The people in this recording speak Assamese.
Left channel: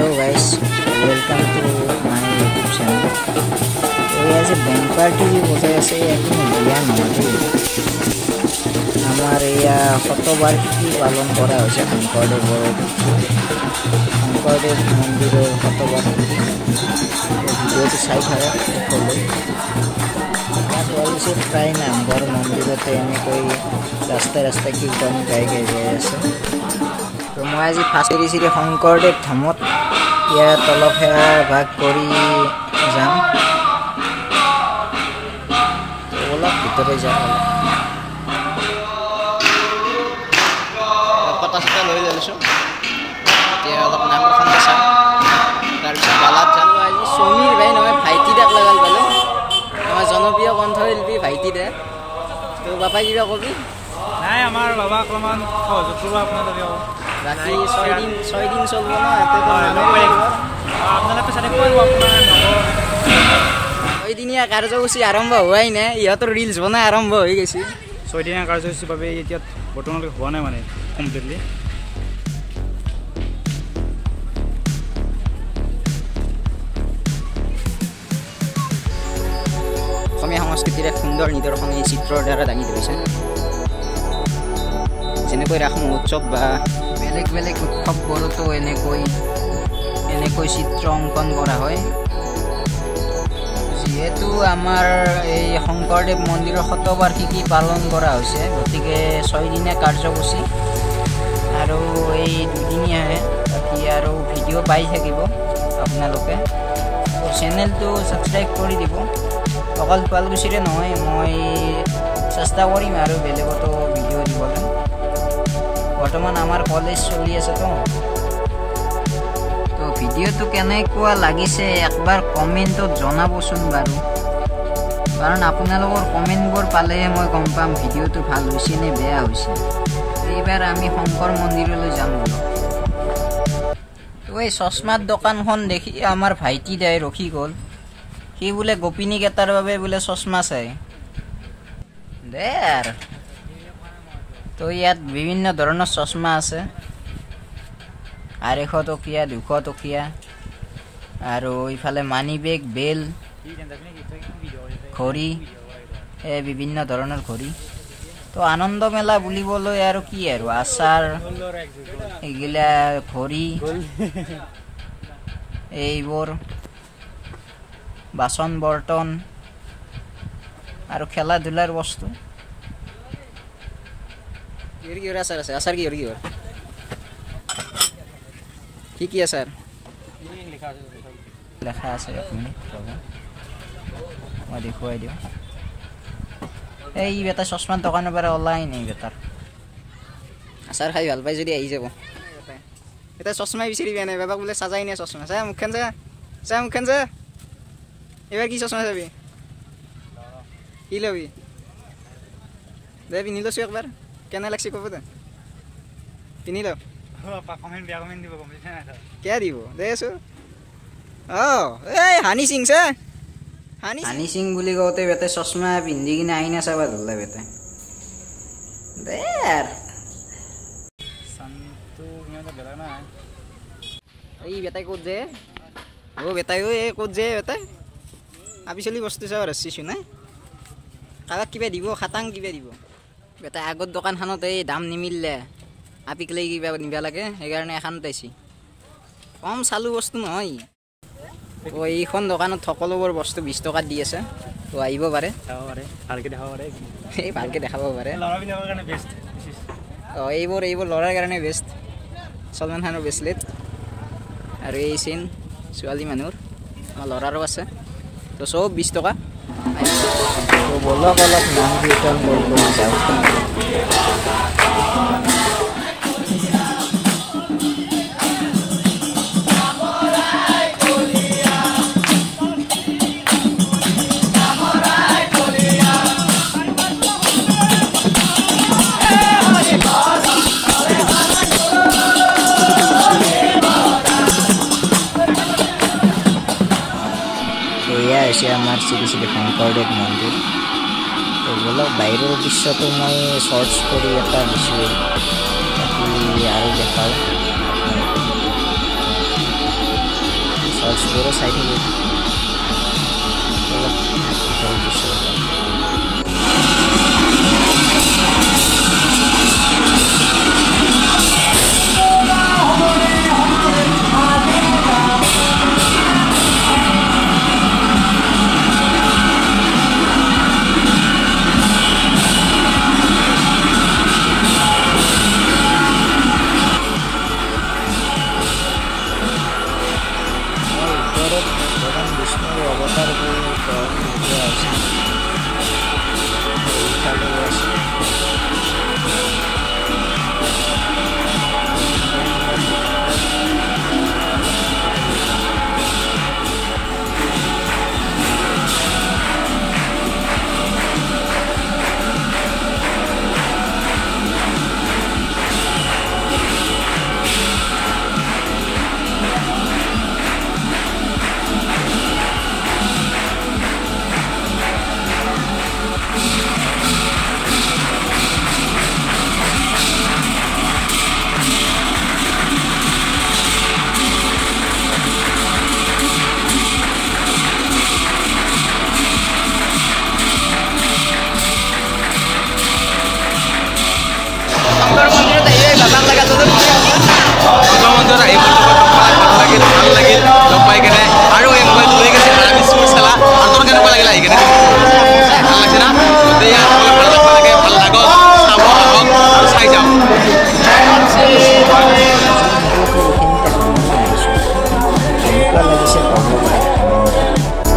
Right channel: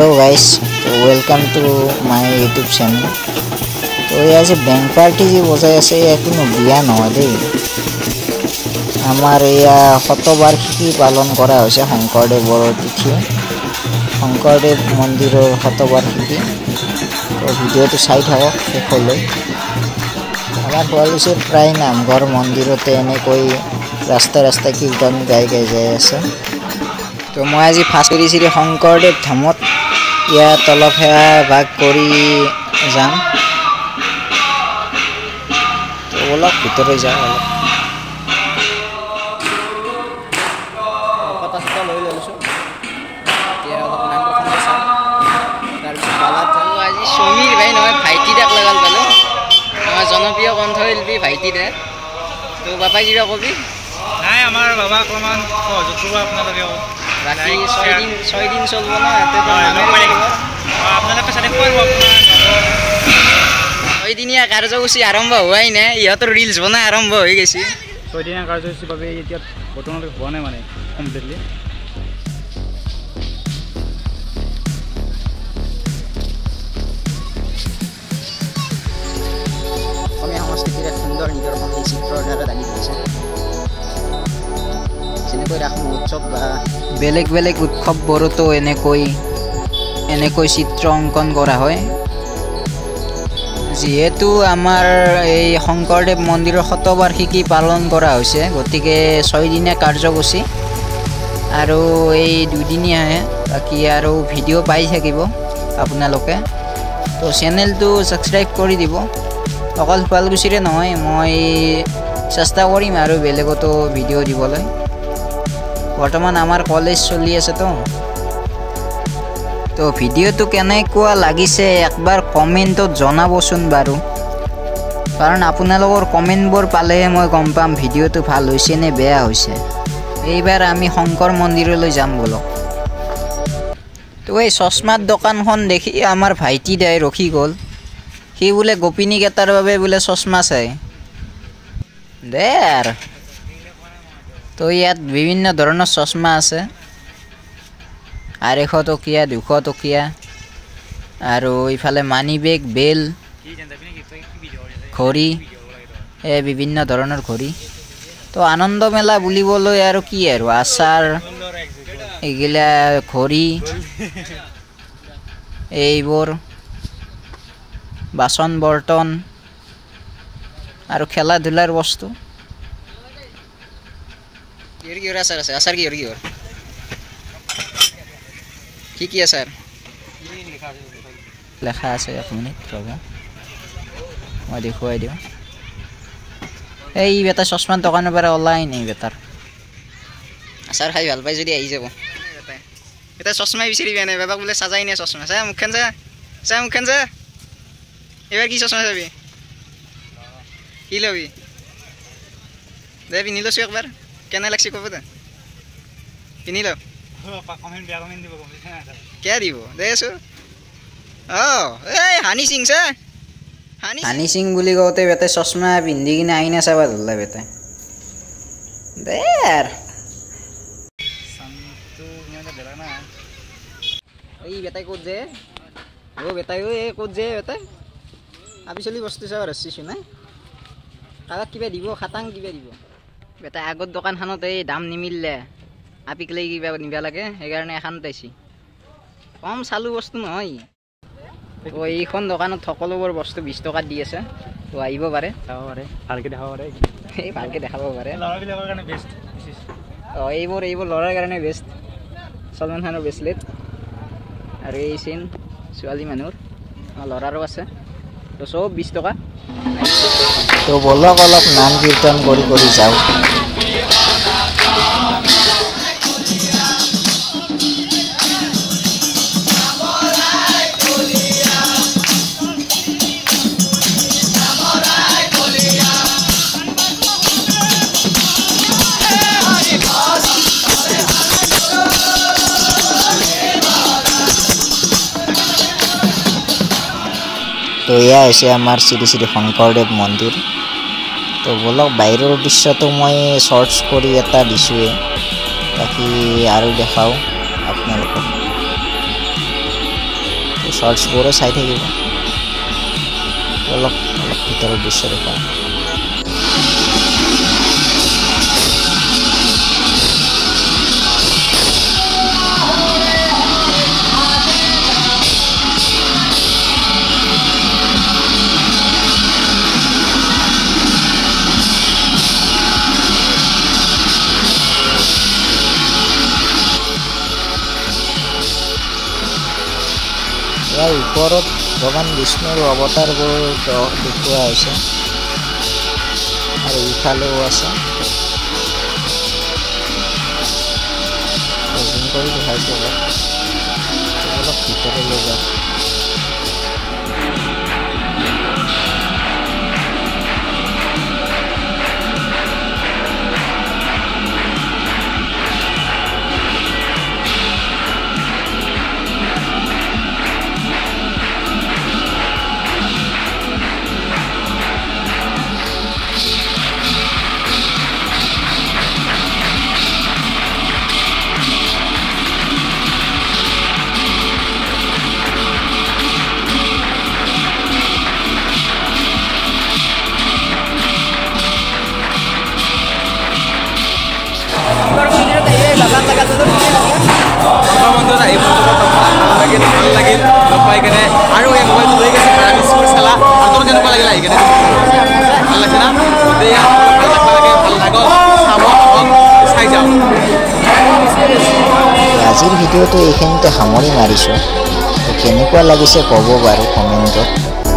Hello guys, welcome to my YouTube channel. तो यहाँ से बैंक पार्टी जी बजाई আছে কোনো বিয়া নহয় দেই। আমাৰ ইয়াৰ শতবাৰ্ষিকী পালন কৰা হৈছে শংকৰদেৱৰ তিথি, শংকৰদেৱ মন্দিৰৰ শতবাৰ্ষিকী। তো ভিডিঅ'টো চাই থাকক শেষলৈ। আমাৰ শুৱালকুছিত প্ৰায় নামঘৰ মন্দিৰতে এনেকৈ ৰাস্তাই ৰাস্তাই কীৰ্তন গাই যাই আছে। তো মই আজি ফাৰ্ষ্ট কৰিছিলোঁ শংকৰদেৱ ধামত, ইয়াত অলপ সেৱা ভাগ কৰি যাম। তো অলপ ভিতৰত যাওঁ, অলপ কথা চথা লৈ লৈছোঁ। এতিয়া অলপ নাম প্ৰসংগ চাওঁ, তাৰপিছত বালাত জানো আজি সমীৰ ভাই নহয় ভাইটি দাক লগাল পালোঁ, আমাৰ জনপ্ৰিয় কণ্ঠশিল্পী ভাইটি দা। তো বাপাই কিবা কবি? নাই, আমাৰ বাবাক অলপমান সহযোগ কৰিব আপোনালোকে। বাকী ছয় দিন চলিব ন, আপোনালোকে চাই কৰিব আপোনাৰ নৱ 6 দিনীয়া কাৰ্যসূচী আৰম্ভ হোৱাই নাই, ইহঁতৰ ৰিলছ বনাই আৰম্ভ হৈ গৈছে। 6 দিনীয়া কাৰ্যসূচীৰ বাবে এতিয়া বৰ্তমানলৈকে হোৱা নাই মানে কমপ্লিটলি। অসমীয়া সংস্কৃতিৰ এক সুন্দৰ নিদৰ্শন এই চিত্ৰৰ দ্বাৰা দাঙি ধৰিছে। যেনেকৈ ৰাস মহোৎসৱ বা বেলেগ বেলেগ উৎসৱবোৰতো এনেকৈ চিত্ৰ অংকন কৰা হয়। যিহেতু আমাৰ এই শংকৰদেৱ মন্দিৰৰ শতবাৰ্ষিকী পালন কৰা হৈছে, গতিকে 6 দিনীয়া কাৰ্যসূচী আৰু এই 2 দিনীয়াহে, বাকী আৰু ভিডিঅ' পাই থাকিব আপোনালোকে। তো চেনেলটো ছাবস্ক্ৰাইব কৰি দিব। অকল শুৱালকুছিৰে নহয়, মই চেষ্টা কৰিম আৰু বেলেগতো ভিডিঅ' দিবলৈ। বৰ্তমান আমাৰ কলেজ চলি আছে তো ভিডিঅ'টো কেনেকুৱা লাগিছে একবাৰ কমেণ্টত জনাবচোন বাৰু, কাৰণ আপোনালোকৰ কমেণ্টবোৰ পালেহে মই গম পাম ভিডিঅ'টো ভাল হৈছে নে বেয়া হৈছে। এইবাৰ আমি শংকৰ মন্দিৰলৈ যাম বলক। তো এই চশমাৰ দোকানখন দেখি আমাৰ ভাইটি দাই ৰখি গ'ল। সি বোলে গোপিনীক এটাৰ বাবে বোলে চশমা চাই দে আৰু। তো ইয়াত বিভিন্ন ধৰণৰ চশমা আছে, 250 টকীয়া, 200 টকীয়া, আৰু ইফালে মানি বেগ, বেল, ঘড়ী, বিভিন্ন ধৰণৰ ঘড়ী। তো আনন্দ মেলা বুলিবলৈ আৰু কি আৰু, আচাৰ এইগিলা, ঘড়ী, এইবোৰ বাচন বৰ্তন আৰু খেলা ধূলাৰ বস্তু। কিহৰ আচাৰ আছে? আচাৰ কিহৰ কি আচাৰ লেখা আছে? 1 মিনিট ৰ'ব, মই দেখুৱাই দিওঁ। এই বেটা চশমাৰ দোকানৰ পৰা ওলাই নাই, বেটাৰ আচাৰ খাই ভাল পাই যদি আহি যাব। এটা চশমাই বিচাৰি পোৱা নাই, বাবাক বোলে চাজাই নাই চশমা। চা মুখখন চা মুখখন চা। এইবাৰ কি চশমা চাবি? কি ল'বি? দে পিন্ধি লৈছোঁ একবাৰ, কেনে লাগছে ক'ব দে, পিন্ধি ল। কিয় দিব দে আছোঁ। এই হানি সিং চা, হানি সিং বুলি কওঁতে বেটাই চশমা পিন্ধি কিনে আইনা চাবা ধৰিলে বেটাই দে আৰু। এই বেটাই ক'ত যে বেটাই ক'ত যে বেটাই আপি চলি বস্তু চাব ৰচিছোঁ নাই, কাৰোবাক কিবা দিব, খাটাং কিবা দিব বেটাই। আগত দোকানখনত এই দাম নিমিলিলে আপিক লৈ কিবা নিবা লাগে, সেইকাৰণে এখনত আহিছে। কম চালু বস্তু নহয়। তো এইখন দোকানত সকলোবোৰ বস্তু 20 টকাত দি আছে। তো আহিব পাৰে, ভালকৈ দেখাব পাৰে। এইবোৰ ল'ৰাৰ কাৰণে বেষ্ট। সলমান খানৰ ব্ৰেচলেট আৰু এই চেইন ছোৱালী মানুহৰ, আমাৰ ল'ৰাৰো আছে। তো চব 20 টকা। তো বলক অলপ নাম কীৰ্তন কৰি যাওঁ। তো এয়া হৈছে আমাৰ শ্ৰী শ্ৰী শংকৰদেৱ মন্দিৰ। তো বলক বাহিৰৰ দৃশ্যটো মই শৰ্টছ কৰি এটা দিছোঁৱেই, বাকী আৰু দেখাওঁ আপোনালোকক। শৰ্টছবোৰো চাই থাকিব অলপ ভিতৰৰ দৃশ্য দেখা ইয়াৰ ওপৰত ভগৱান বিষ্ণুৰ অৱতাৰবোৰ দেখুওৱা হৈছে আৰু ইফালেও আছে দেখাইছে অলপ ভিতৰলৈ লৈ যাওঁ মন্দিৰত আহি ভাল লাগিল লগ পাই কেনে আৰু এই মোবাইলটো লৈ গৈছে আমি স্পৰ্টছ খেলা আৰু তোৰ কেনেকুৱা লাগিল আহি কেনে ভাল লাগিছে না গতিকে ভাল লাগব লাগে ভাল লাগক চাব আহক আৰু চাই যাওক আজিৰ ভিডিঅ'টো এইখিনিতে সামৰি মাৰিছোঁ কেনেকুৱা লাগিছে ক'ব বাৰু কমেণ্টত